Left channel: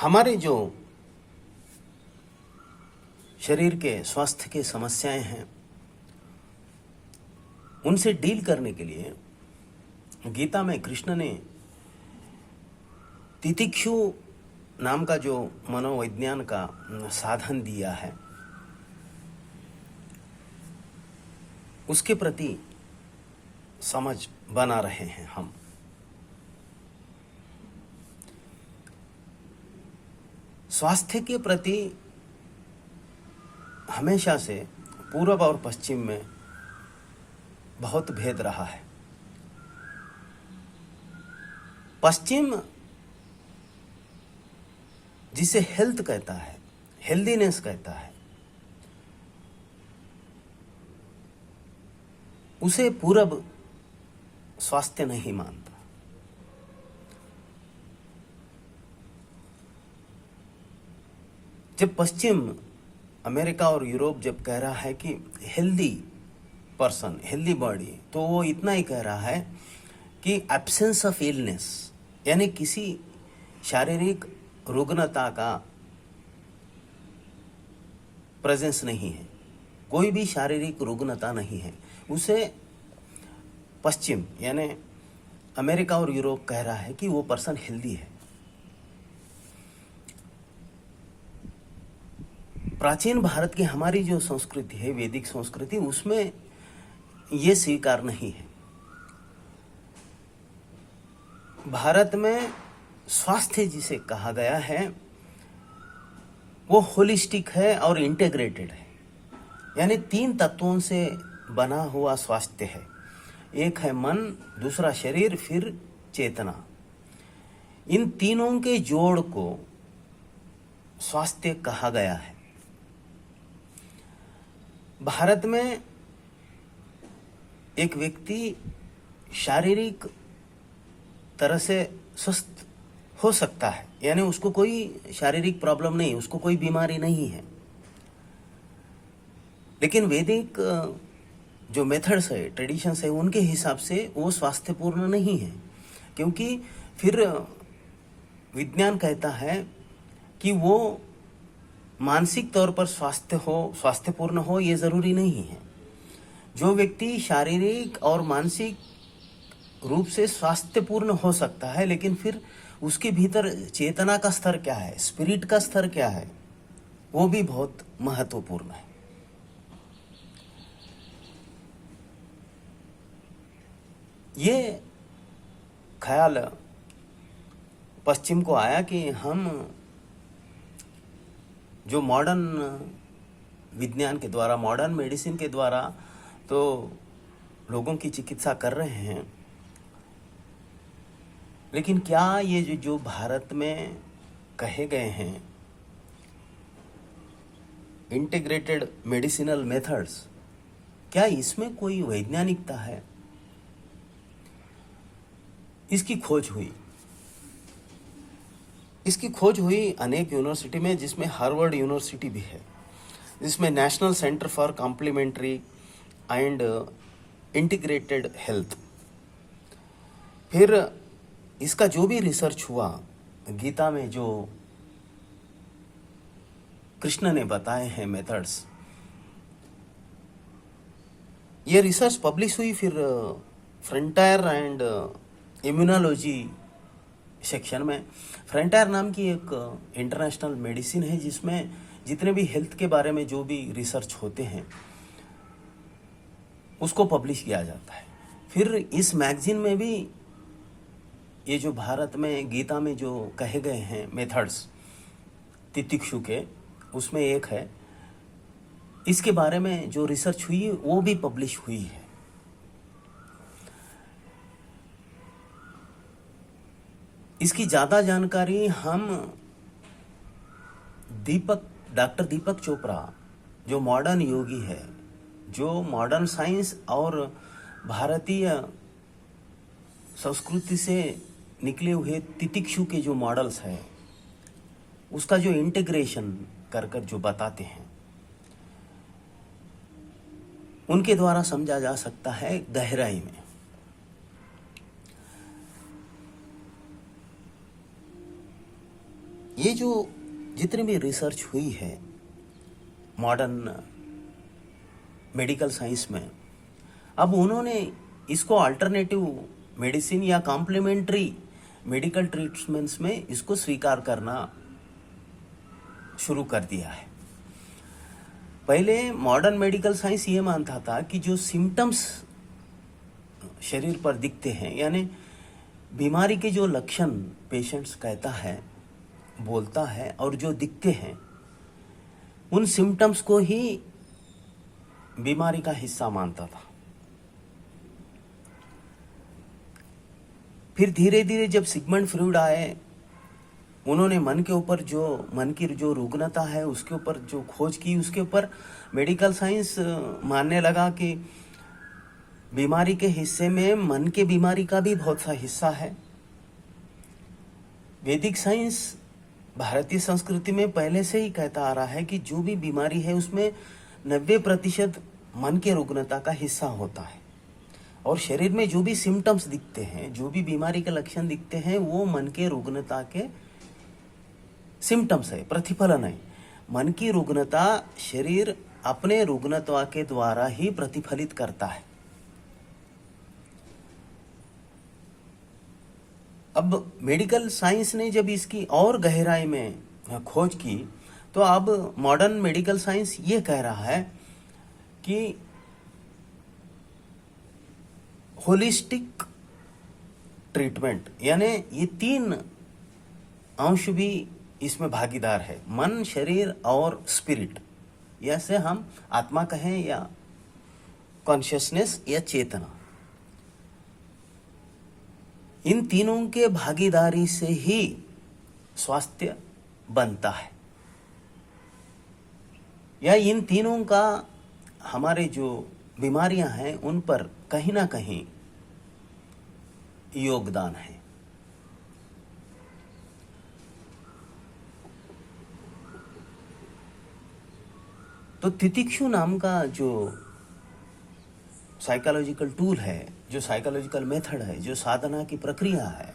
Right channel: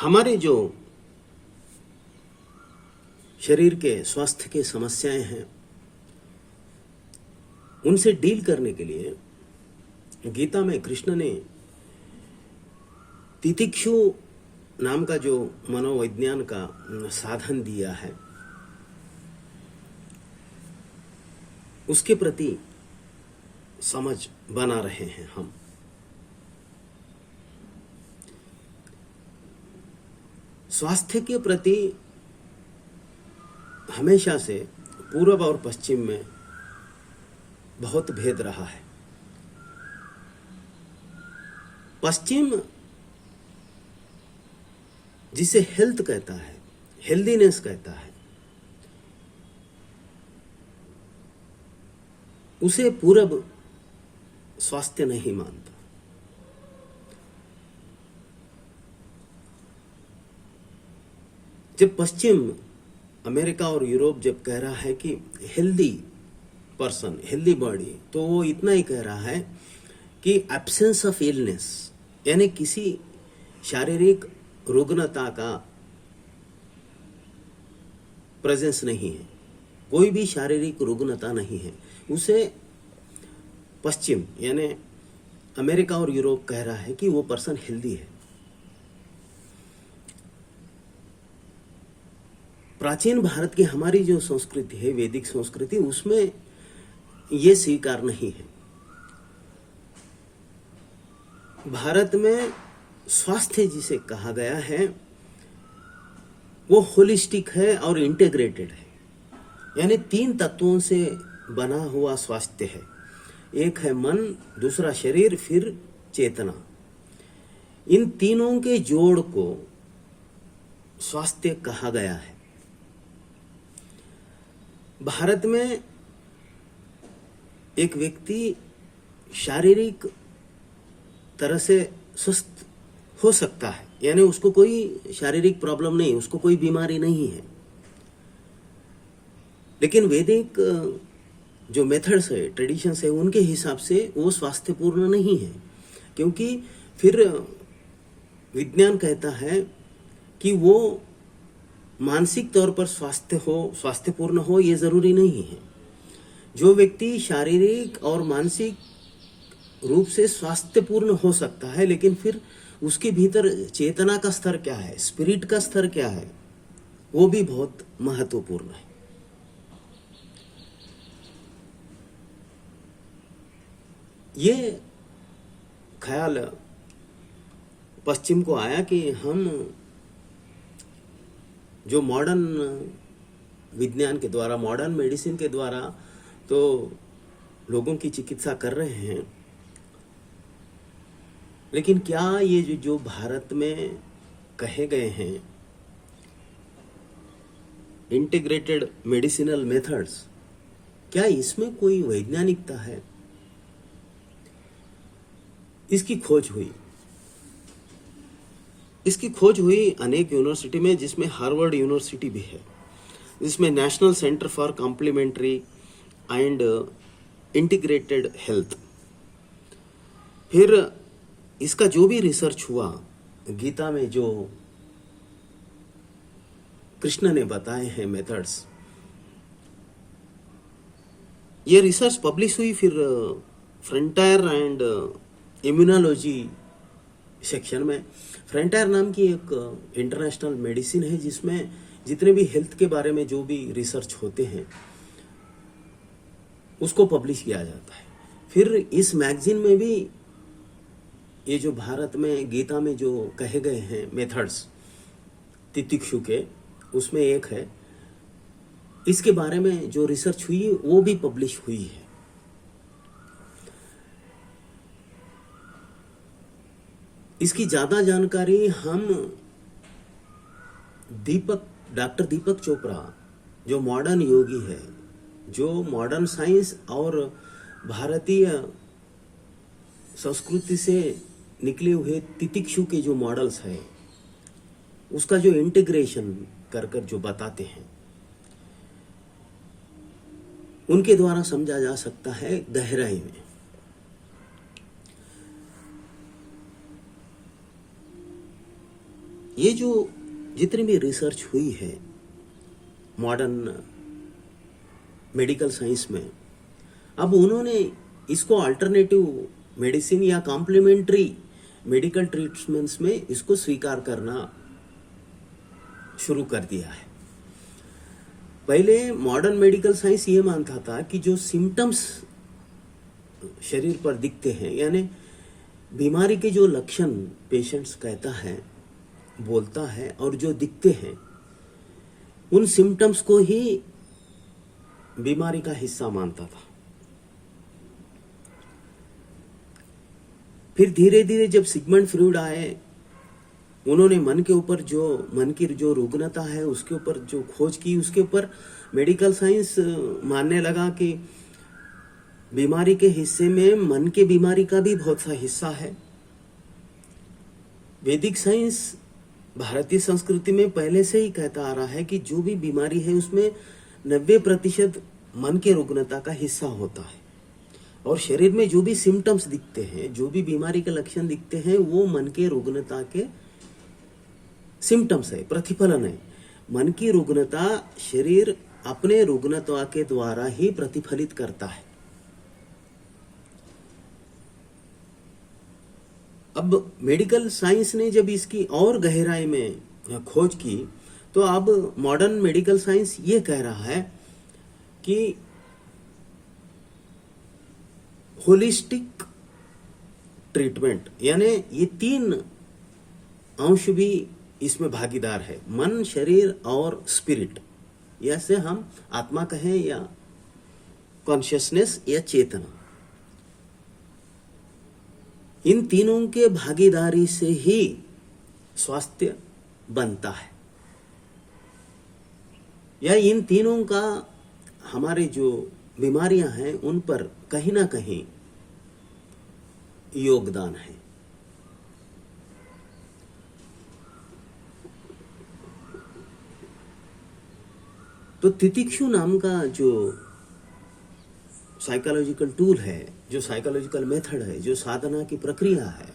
हमारे जो शरीर के स्वास्थ्य के समस्याएं हैं उनसे डील करने के लिए गीता में कृष्ण ने तितिक्षु नाम का जो मनोविज्ञान का साधन दिया है उसके प्रति समझ बना रहे हैं हम। स्वास्थ्य के प्रति हमेशा से पूर्व और पश्चिम में बहुत भेद रहा है। पश्चिम जिसे हेल्थ कहता है, हेल्दीनेस कहता है, उसे पूरब स्वास्थ्य नहीं मानता। जब पश्चिम अमेरिका और यूरोप जब कह रहा है कि हेल्दी पर्सन, हेल्दी बॉडी, तो वो इतना ही कह रहा है कि एब्सेंस ऑफ इलनेस, यानी किसी शारीरिक रुग्णता का प्रेजेंस नहीं है, कोई भी शारीरिक रुग्णता नहीं है, उसे पश्चिम यानी अमेरिका और यूरोप कह रहा है कि वो पर्सन हेल्दी है। प्राचीन भारत की हमारी जो संस्कृति है, वैदिक संस्कृति, उसमें ये स्वीकार नहीं है। भारत में स्वास्थ्य जिसे कहा गया है वो होलिस्टिक है और इंटीग्रेटेड है, यानी 3 तत्वों से बना हुआ स्वास्थ्य है। एक है मन, दूसरा शरीर, फिर चेतना। इन तीनों के जोड़ को स्वास्थ्य कहा गया है। भारत में एक व्यक्ति शारीरिक तरह से स्वस्थ हो सकता है, यानी उसको कोई शारीरिक प्रॉब्लम नहीं, उसको कोई बीमारी नहीं है, लेकिन वैदिक जो मेथड्स है, ट्रेडिशंस है, उनके हिसाब से वो स्वास्थ्यपूर्ण नहीं है, क्योंकि फिर विज्ञान कहता है कि वो मानसिक तौर पर स्वास्थ्यपूर्ण हो ये जरूरी नहीं है। जो व्यक्ति शारीरिक और मानसिक रूप से स्वास्थ्यपूर्ण हो सकता है, लेकिन फिर उसके भीतर चेतना का स्तर क्या है, स्पिरिट का स्तर क्या है, वो भी बहुत महत्वपूर्ण है। ये ख्याल पश्चिम को आया कि हम जो मॉडर्न विज्ञान के द्वारा, मॉडर्न मेडिसिन के द्वारा तो लोगों की चिकित्सा कर रहे हैं, लेकिन क्या ये जो भारत में कहे गए हैं इंटीग्रेटेड मेडिसिनल मेथड्स, क्या इसमें कोई वैज्ञानिकता है? इसकी खोज हुई अनेक यूनिवर्सिटी में, जिसमें हार्वर्ड यूनिवर्सिटी भी है, जिसमें National Center for Complementary and Integrated Health. फिर इसका जो भी रिसर्च हुआ, गीता में जो कृष्ण ने बताए हैं मेथड्स, ये रिसर्च पब्लिश हुई फिर फ्रंटायर एंड इम्यूनोलॉजी सेक्शन में। फ्रंटायर नाम की एक इंटरनेशनल मेडिसिन है, जिसमें जितने भी हेल्थ के बारे में जो भी रिसर्च होते हैं उसको पब्लिश किया जाता है। फिर इस मैगजीन में भी ये जो भारत में गीता में जो कहे गए हैं मेथड्स तितिक्षु के, उसमें एक है, इसके बारे में जो रिसर्च हुई वो भी पब्लिश हुई है। इसकी ज्यादा जानकारी हम डॉक्टर दीपक चोपड़ा, जो मॉडर्न योगी है, जो मॉडर्न साइंस और भारतीय संस्कृति से निकले हुए तितिक्षु के जो मॉडल्स है, उसका जो इंटीग्रेशन कर जो बताते हैं, उनके द्वारा समझा जा सकता है गहराई में। ये जो जितनी भी रिसर्च हुई है मॉडर्न मेडिकल साइंस में, अब उन्होंने इसको अल्टरनेटिव मेडिसिन या कॉम्प्लीमेंट्री मेडिकल ट्रीटमेंट्स में इसको स्वीकार करना शुरू कर दिया है। पहले मॉडर्न मेडिकल साइंस ये मानता था कि जो सिम्टम्स शरीर पर दिखते हैं, यानी बीमारी के जो लक्षण पेशेंट्स कहता है, बोलता है और जो दिखते हैं, उन सिम्टम्स को ही बीमारी का हिस्सा मानता था। फिर धीरे धीरे जब सिगमंड फ्रॉइड आए, उन्होंने मन की जो रुग्णता है उसके ऊपर जो खोज की, उसके ऊपर मेडिकल साइंस मानने लगा कि बीमारी के हिस्से में मन के बीमारी का भी बहुत सा हिस्सा है। वैदिक साइंस भारतीय संस्कृति में पहले से ही कहता आ रहा है कि जो भी बीमारी है उसमें 90% मन के रुग्णता का हिस्सा होता है, और शरीर में जो भी सिम्टम्स दिखते हैं, जो भी बीमारी के लक्षण दिखते हैं, वो मन के रुग्णता के सिम्टम्स है, प्रतिफलन है। मन की रुग्णता शरीर अपने रुग्णता के द्वारा ही प्रतिफलित करता है। अब मेडिकल साइंस ने जब इसकी और गहराई में खोज की, तो अब मॉडर्न मेडिकल साइंस ये कह रहा है कि होलिस्टिक ट्रीटमेंट, यानी ये 3 अंश भी इसमें भागीदार है, मन, शरीर और स्पिरिट, या से हम आत्मा कहें या कॉन्शियसनेस या चेतना। इन तीनों के भागीदारी से ही स्वास्थ्य बनता है, या इन तीनों का हमारे जो बीमारियां हैं उन पर कहीं ना कहीं योगदान है। तो तितिक्षु नाम का जो साइकोलॉजिकल टूल है, जो साइकोलॉजिकल मेथड है, जो साधना की प्रक्रिया है,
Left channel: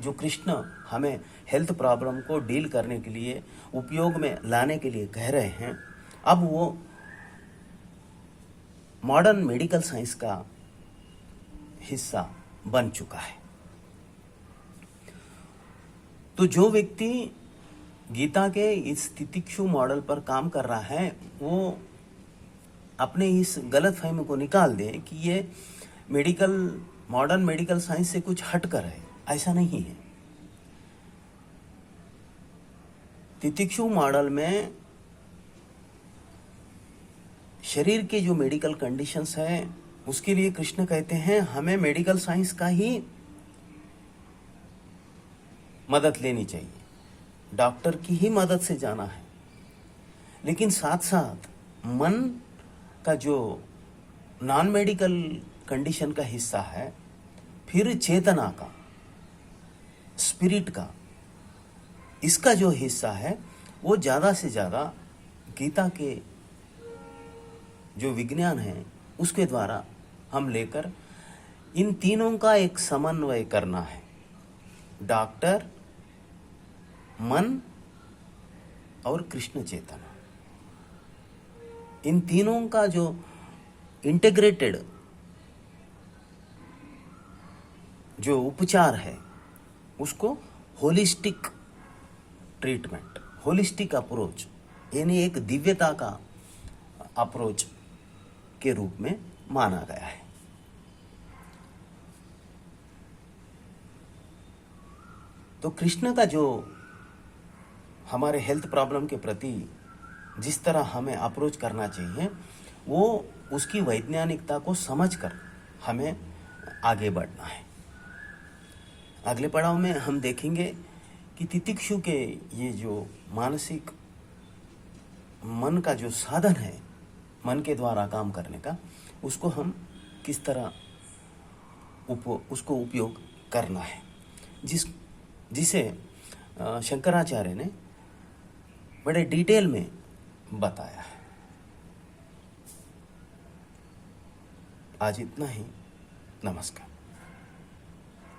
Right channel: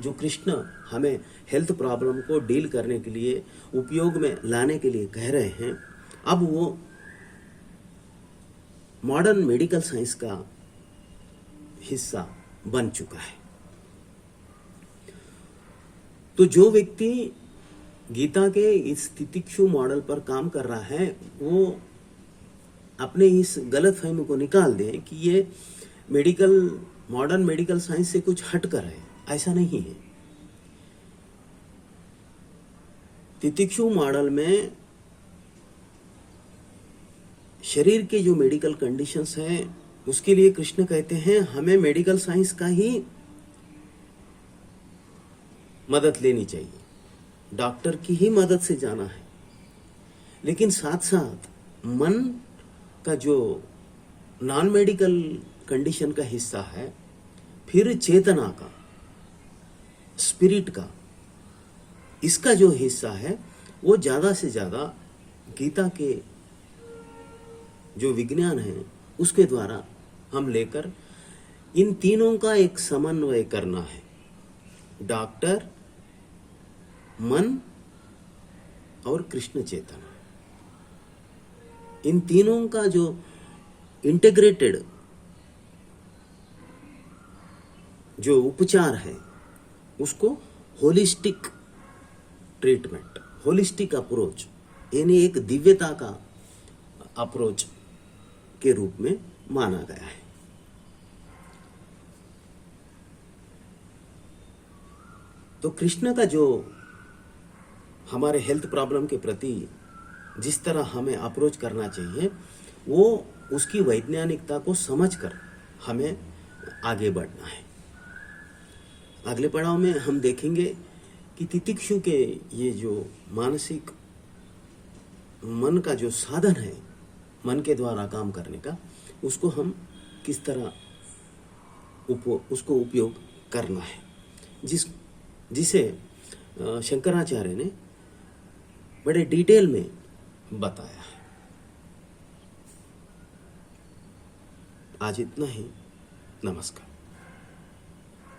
जो कृष्ण हमें हेल्थ प्रॉब्लम को डील करने के लिए उपयोग में लाने के लिए कह रहे हैं, अब वो मॉडर्न मेडिकल साइंस का हिस्सा बन चुका है। तो जो व्यक्ति गीता के इस तितिक्षु मॉडल पर काम कर रहा है, वो अपने इस गलतफहमी को निकाल दे कि ये मॉडर्न मेडिकल साइंस से कुछ हटकर है। ऐसा नहीं है। तितिक्षु मॉडल में शरीर के जो मेडिकल कंडीशंस हैं, उसके लिए कृष्ण कहते हैं हमें मेडिकल साइंस का ही मदद लेनी चाहिए, डॉक्टर की ही मदद से जाना है। लेकिन साथ साथ मन का जो नॉन मेडिकल कंडीशन का हिस्सा है, फिर चेतना का, स्पिरिट का, इसका जो हिस्सा है, वो ज्यादा से ज्यादा गीता के जो विज्ञान है उसके द्वारा हम लेकर इन तीनों का एक समन्वय करना है। डॉक्टर, मन और कृष्ण चेतना, इन तीनों का जो इंटीग्रेटेड जो उपचार है, उसको होलिस्टिक ट्रीटमेंट, होलिस्टिक अप्रोच, यानी एक दिव्यता का अप्रोच के रूप में माना गया है। तो कृष्ण का जो हमारे हेल्थ प्रॉब्लम के प्रति जिस तरह हमें अप्रोच करना चाहिए, वो उसकी वैज्ञानिकता को समझकर हमें आगे बढ़ना है। अगले पड़ाव में हम देखेंगे कि तितिक्षु के ये जो मानसिक मन का जो साधन है, मन के द्वारा काम करने का, उसको हम किस तरह उसको उपयोग करना है, जिसे शंकराचार्य ने बड़े डिटेल में बताया है। आज इतना ही। नमस्कार।